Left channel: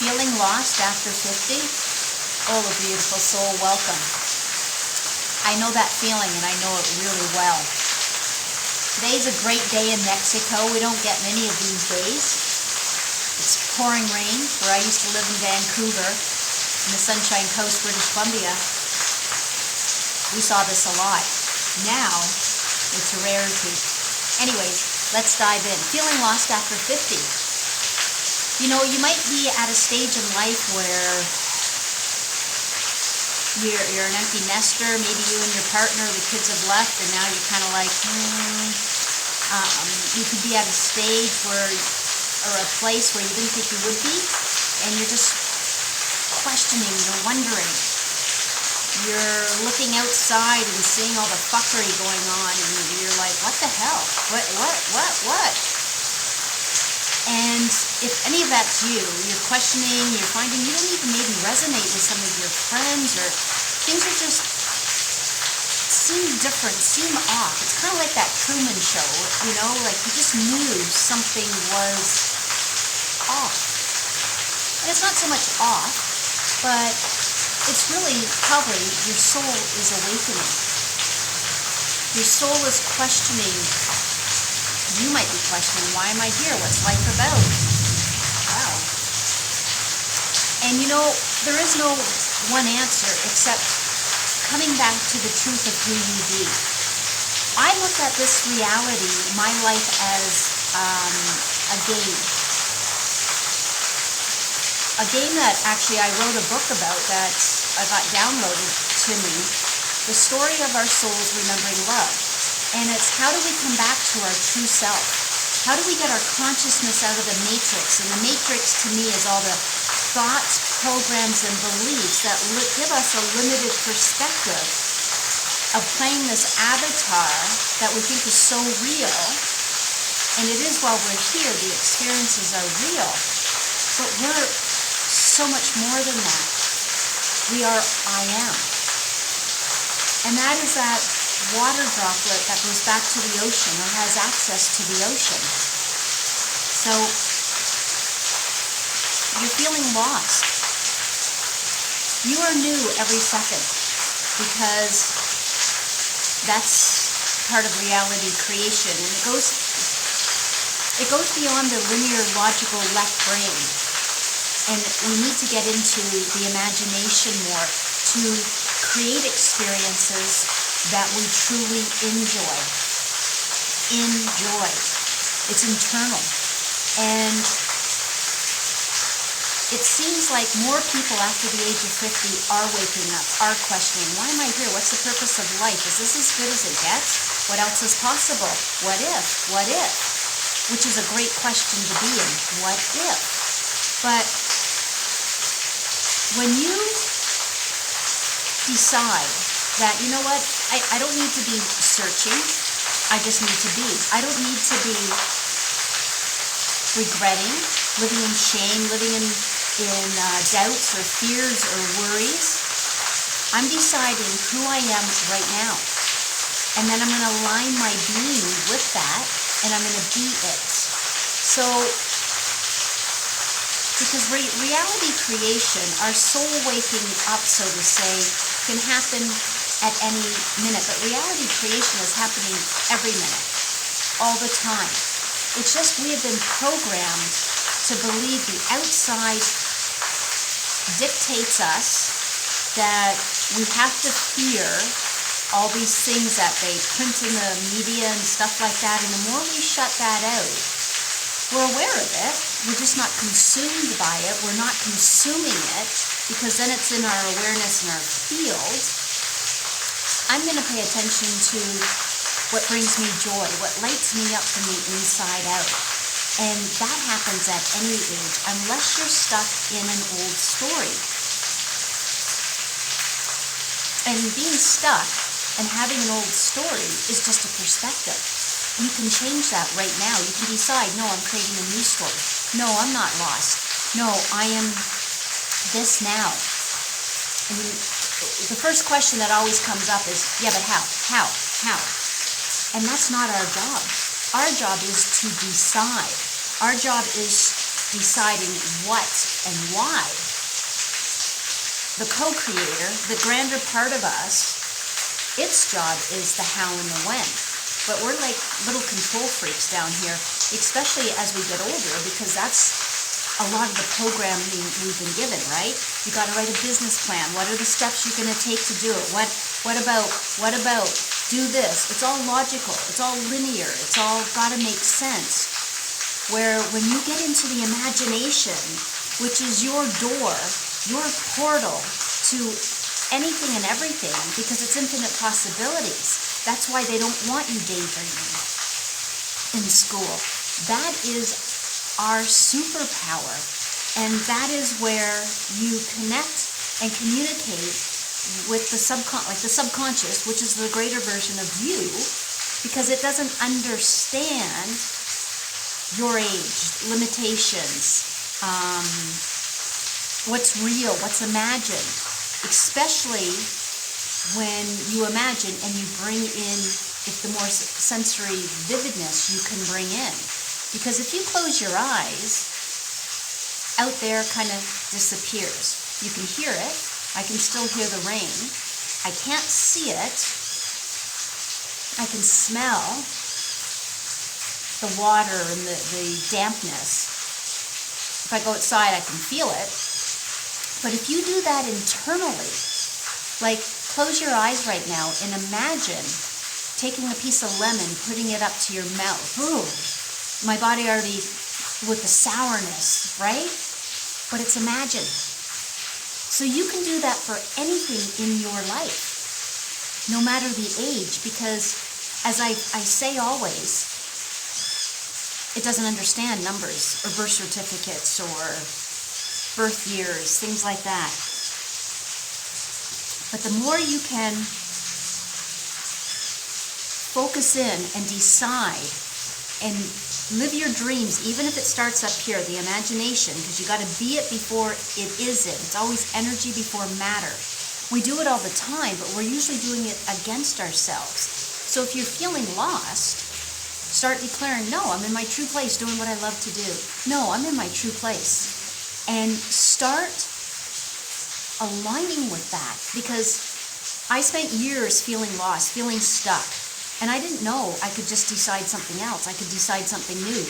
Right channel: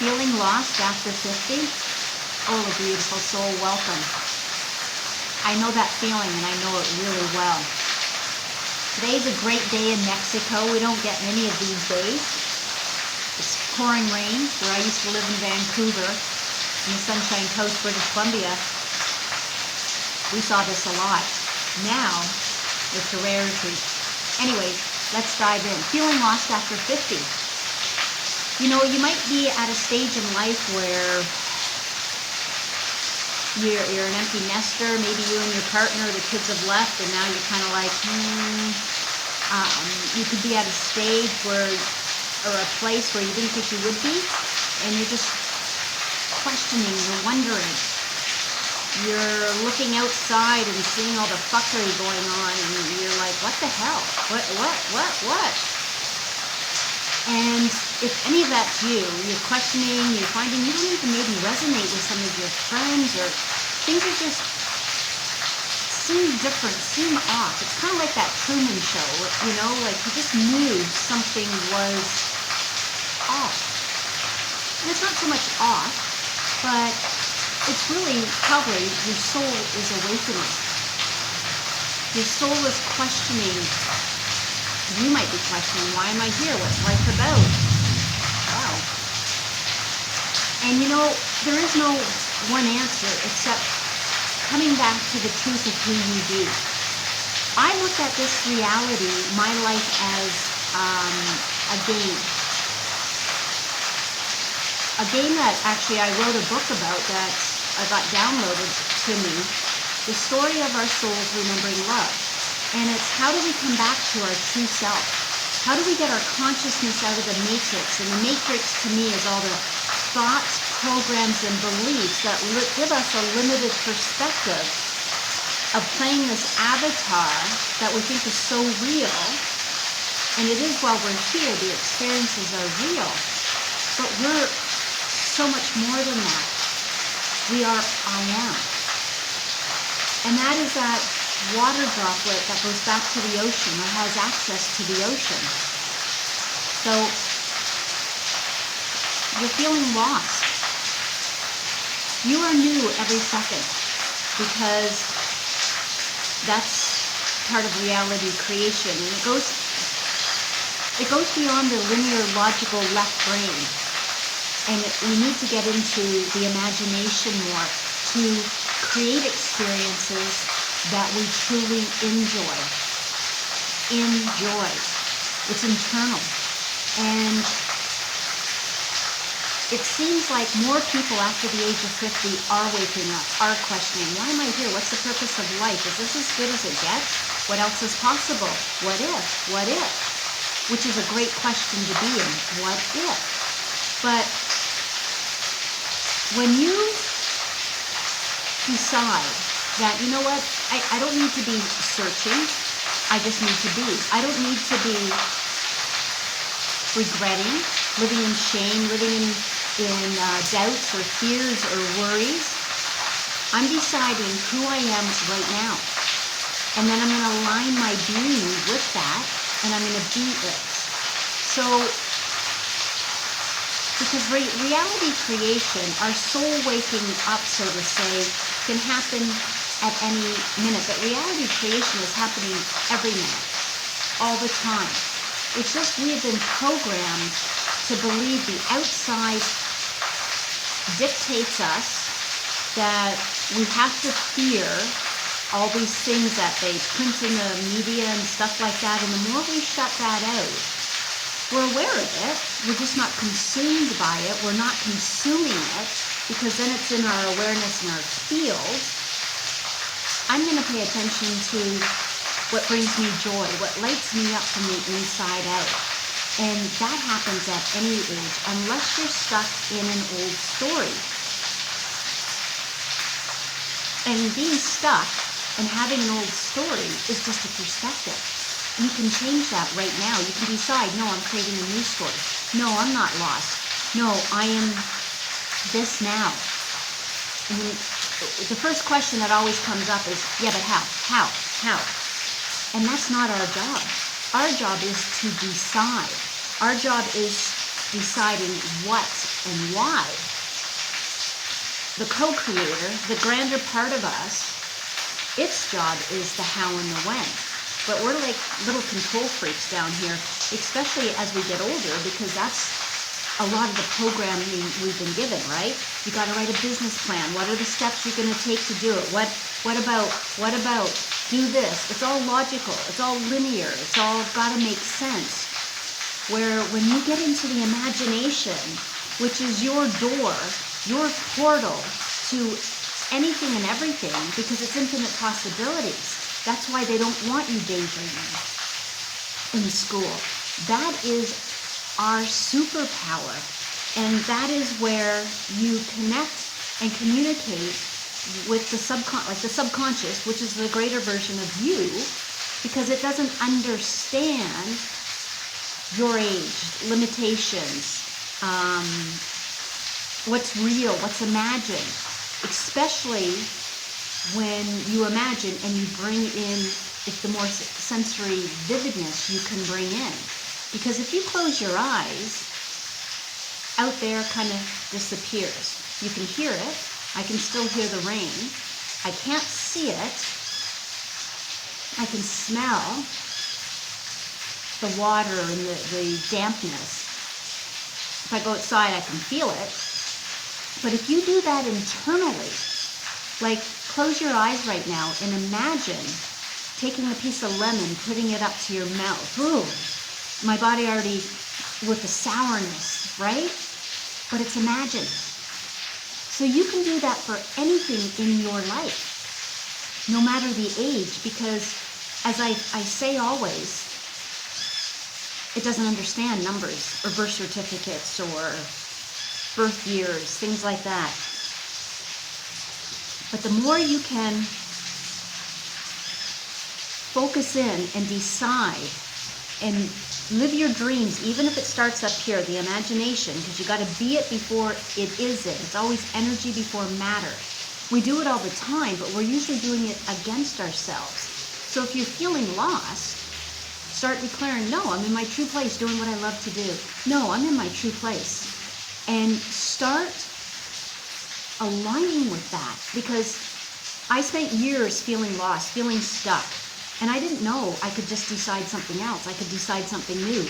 Feeling lost after 50? Oh, beautiful soul, welcome. I know that feeling, and I know it really well. Today's a great day in Mexico. We don't get many of these days. It's pouring rain where I used to live in Vancouver, in the Sunshine Coast, British Columbia. We saw this a lot. Now, it's a rarity. Anyways, let's dive in. Feeling lost after 50. You know, you might be at a stage in life where you're an empty nester. Maybe you and your partner, the kids have left, and now you're kind of like, you could be at a stage where, or a place where you didn't think you would be, and you're just questioning, you're wondering. You're looking outside and seeing all the fuckery going on, and you're like, what the hell? What? And if any of that's you, you're questioning, you're finding you don't even maybe resonate with some of your friends, or things are just seem different, seem off. It's kind of like that Truman Show, you know, like you just knew something was off. And it's not so much off, but it's really probably your soul is awakening. Your soul is questioning. You might be questioning, why am I here? What's life about? Wow. And you know, there is no one answer except coming back to the truth of who you be. I look at this reality, my life, as a game. A game that actually I wrote a book about that I got downloaded to me. The story of our souls remembering love. And it's how do we come back to our true self? How do we get our consciousness out of the matrix? And the matrix to me is all the thoughts, programs, and beliefs that give us a limited perspective of playing this avatar that we think is so real. And it is while we're here, the experiences are real. But we're so much more than that. We are I am. And that is that water droplet that goes back to the ocean, that has access to the ocean. So you're feeling lost. You are new every second because that's part of reality creation, and it goes beyond the linear logical left brain. And we need to get into the imagination more to create experiences that we truly enjoy. It's internal. And it seems like more people after the age of 50 are waking up, are questioning, why am I here? What's the purpose of life? Is this as good as it gets? What else is possible? What if? What if? Which is a great question to be in. What if? But when you decide that, you know what, I don't need to be searching, I just need to be. I don't need to be regretting, living in shame, living in doubts or fears or worries. I'm deciding who I am right now. And then I'm going to align my being with that, and I'm going to be it. So, because reality creation, our soul waking up, so to say, can happen at any minute, but reality creation is happening every minute, all the time. It's just we have been programmed to believe the outside dictates us, that we have to fear all these things that they print in the media and stuff like that, and the more we shut that out, we're aware of it, we're just not consumed by it, we're not consuming it, because then it's in our awareness and our field. I'm going to pay attention to what brings me joy, what lights me up from the inside out. And that happens at any age, unless you're stuck in an old story. And being stuck and having an old story is just a perspective. You can change that right now. You can decide, no, I'm creating a new story. No, I'm not lost. No, I am this now. And the first question that always comes up is, yeah, but how? How? And that's not our job. Our job is to decide. Our job is deciding what and why. The co-creator, the grander part of us, its job is the how and the when. But we're like little control freaks down here, especially as we get older, because that's a lot of the programming we've been given, right? You got to write a business plan. What are the steps you're going to take to do it? What about do this? It's all logical. It's all linear. It's all got to make sense. Where when you get into the imagination, which is your door, your portal to anything and everything, because it's infinite possibilities. That's why they don't want you daydreaming in school. That is our superpower. And that is where you connect and communicate with the subconscious, which is the greater version of you, because it doesn't understand your age, limitations, what's real, what's imagined, especially when you imagine and you bring in, if the more sensory vividness you can bring in. Because if you close your eyes, out there kind of disappears. You can hear it. I can still hear the rain. I can't see it. I can smell the water and the dampness. If I go outside, I can feel it. But if you do that internally, like close your eyes right now and imagine taking a piece of lemon, putting it up to your mouth. Ooh, my body already with the sourness, right? But it's imagined. So you can do that for anything in your life, no matter the age, because as I say always, it doesn't understand numbers or birth certificates or birth years, things like that. But the more you can focus in and decide and live your dreams, even if it starts up here, the imagination, because you got to be it before it isn't. It's always energy before matter. We do it all the time, but we're usually doing it against ourselves. So if you're feeling lost, start declaring, no, I'm in my true place doing what I love to do. No, I'm in my true place. And start aligning with that, because I spent years feeling lost, feeling stuck. And I didn't know I could just decide something else. I could decide something new.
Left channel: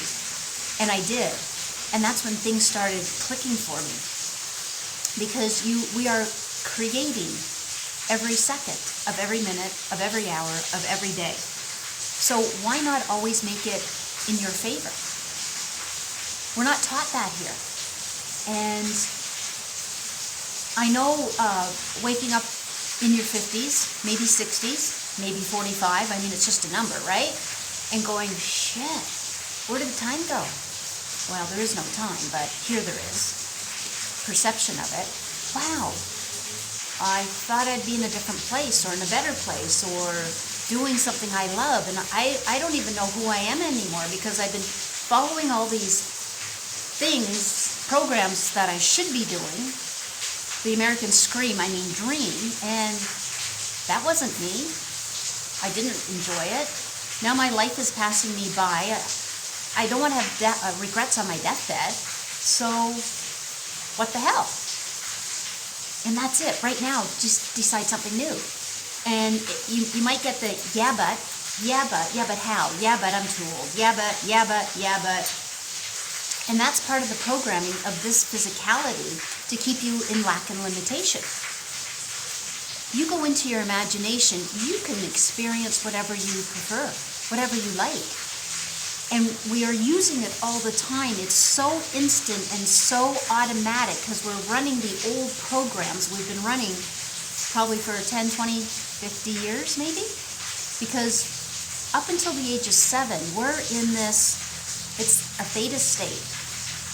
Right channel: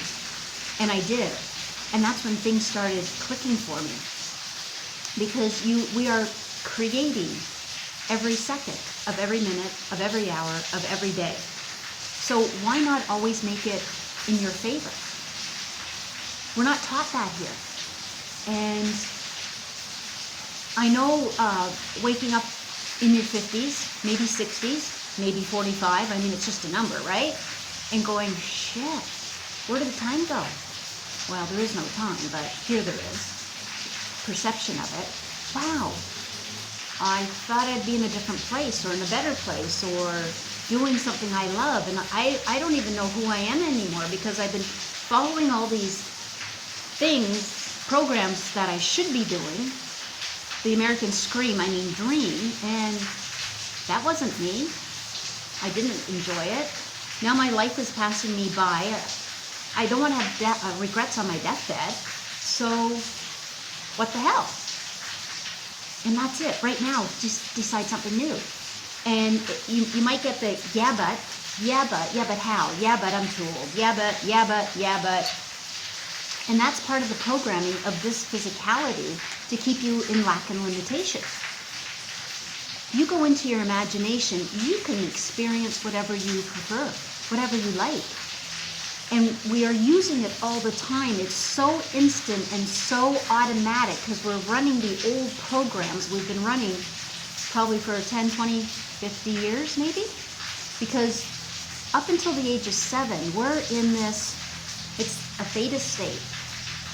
And I did. And that's when things started clicking for me. Because we are creating every second of every minute, of every hour, of every day. So why not always make it in your favor? We're not taught that here. And I know waking up in your 50s, maybe 60s, maybe 45, I mean, it's just a number, right? And going, shit, where did the time go? Well, there is no time, but here there is. Perception of it. Wow, I thought I'd be in a different place or in a better place or doing something I love. And I don't even know who I am anymore, because I've been following all these things, programs that I should be doing. The American Scream, I mean dream, and that wasn't me. I didn't enjoy it. Now my life is passing me by. I don't want to have regrets on my deathbed. So what the hell? And that's it. Right now, just decide something new. And you might get the yeah but how? Yeah, but I'm too old. Yeah, but. And that's part of the programming of this physicality to keep you in lack and limitation. You go into your imagination, you can experience whatever you prefer, whatever you like. And we are using it all the time. It's so instant and so automatic because we're running the old programs we've been running probably for 10, 20, 50 years maybe. Because up until the age of 7, we're in this, it's a theta state.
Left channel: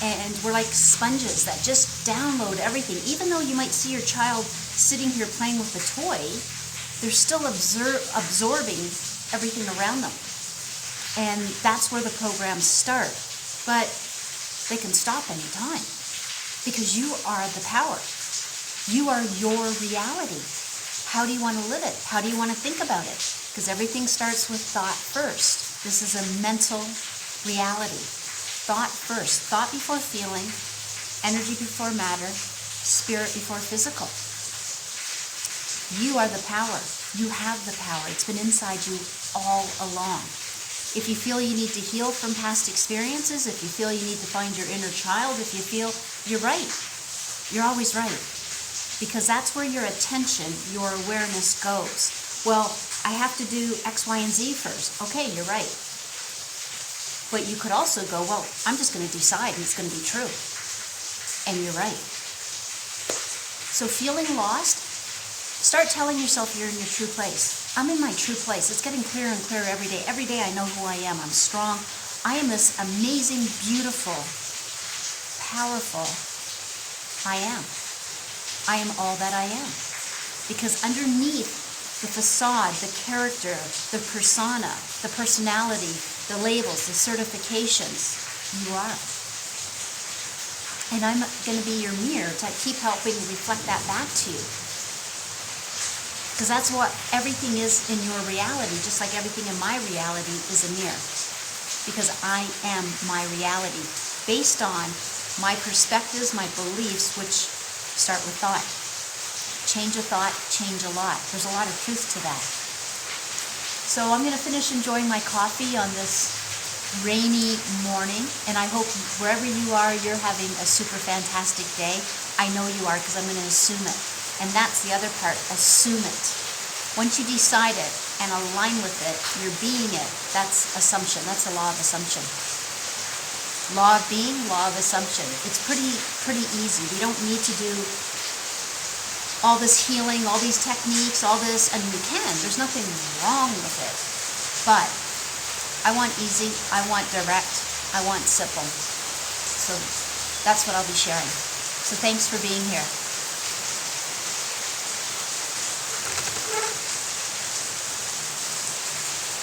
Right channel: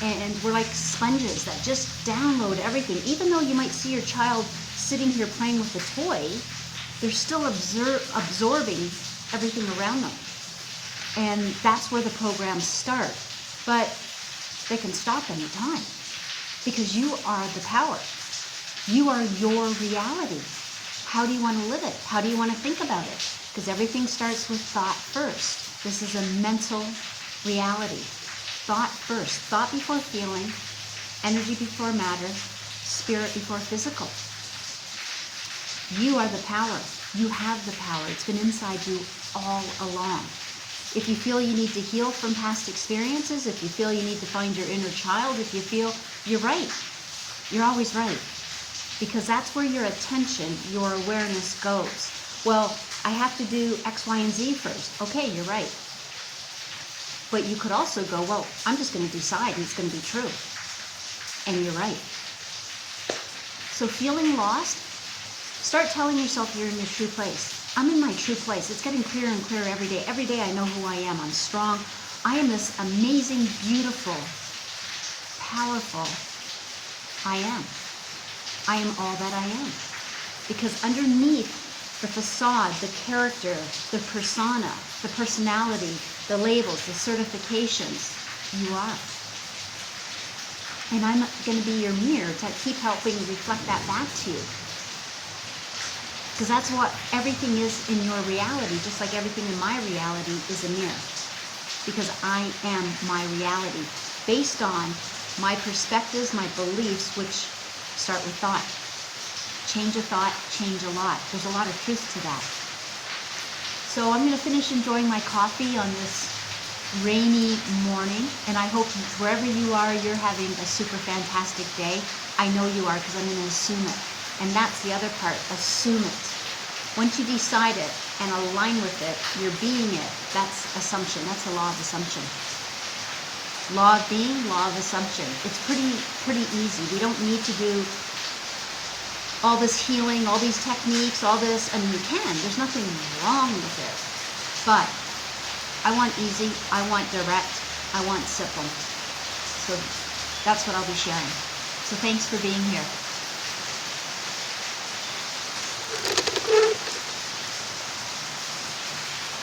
And we're like sponges that just download everything. Even though you might see your child sitting here playing with a toy, they're still absorbing everything around them. And that's where the programs start. But they can stop anytime because you are the power. You are your reality. How do you want to live it? How do you want to think about it? Because everything starts with thought first. This is a mental reality. Thought first. Thought before feeling, energy before matter, spirit before physical. You are the power. You have the power. It's been inside you all along. If you feel you need to heal from past experiences, if you feel you need to find your inner child, if you feel you're right, you're always right. Because that's where your attention, your awareness goes. Well, I have to do X, Y, and Z first. Okay, you're right. But you could also go, well, I'm just going to decide and it's going to be true. And you're right. So feeling lost, start telling yourself you're in your true place. I'm in my true place. It's getting clearer and clearer every day. Every day I know who I am. I'm strong. I am this amazing, beautiful, powerful I am. I am all that I am. Because underneath the facade, the character, the persona, the personality, the labels, the certifications, you are. And I'm going to be your mirror to keep helping reflect that back to you. Because that's what everything is in your reality, just like everything in my reality is a mirror. Because I am my reality, based on my perspectives, my beliefs, which start with thought. Change a thought, change a lot. There's a lot of truth to that. So I'm going to finish enjoying my coffee on this rainy morning, and I hope wherever you are, you're having a super fantastic day. I know you are, because I'm going to assume it. And that's the other part, assume it. Once you decide it and align with it, you're being it. That's assumption. That's a law of assumption. Law of being, law of assumption. It's pretty easy. We don't need to do all this healing, all these techniques, all this. I mean, you can. There's nothing wrong with it. But I want easy. I want direct. I want simple. So that's what I'll be sharing. So thanks for being here.